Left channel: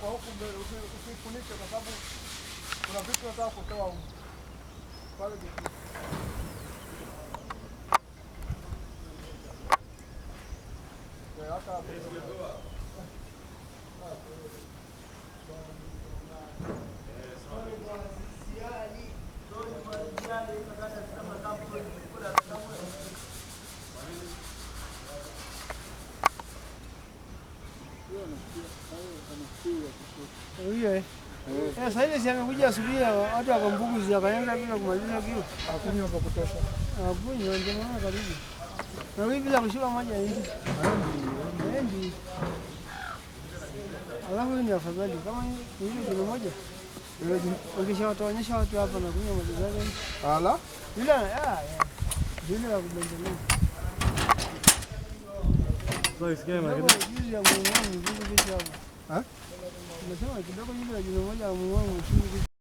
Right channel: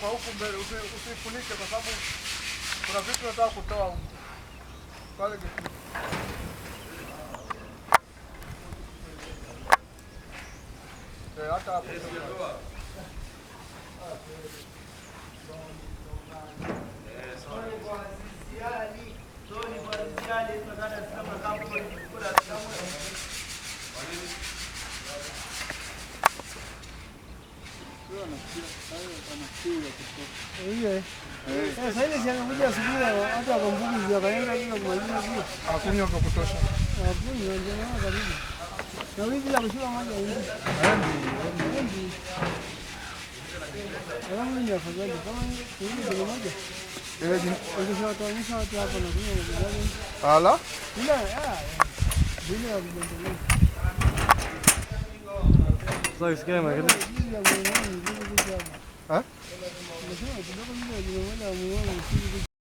Kwa huku mbele usifunike kwa sababu kuna vitu nataka kutoa huko. Pale getini. Hata hapo. Sasa ile amekuja asubuhi hata akambukiza akaenda bila kumaliza kile. Hakunywa vya kutosha. Hakunywa ndio maana karibu. Na wewe bila kushika maji hivi. Haendi. Alafu ni afadhali kama hivi kilo moja. Ukishawatoonyesha watu hapa na kunywa maji gani? Ala? Bila kubendelea. Sasa usikie magari. Ha? Nasema kidogo yule jina moja amuone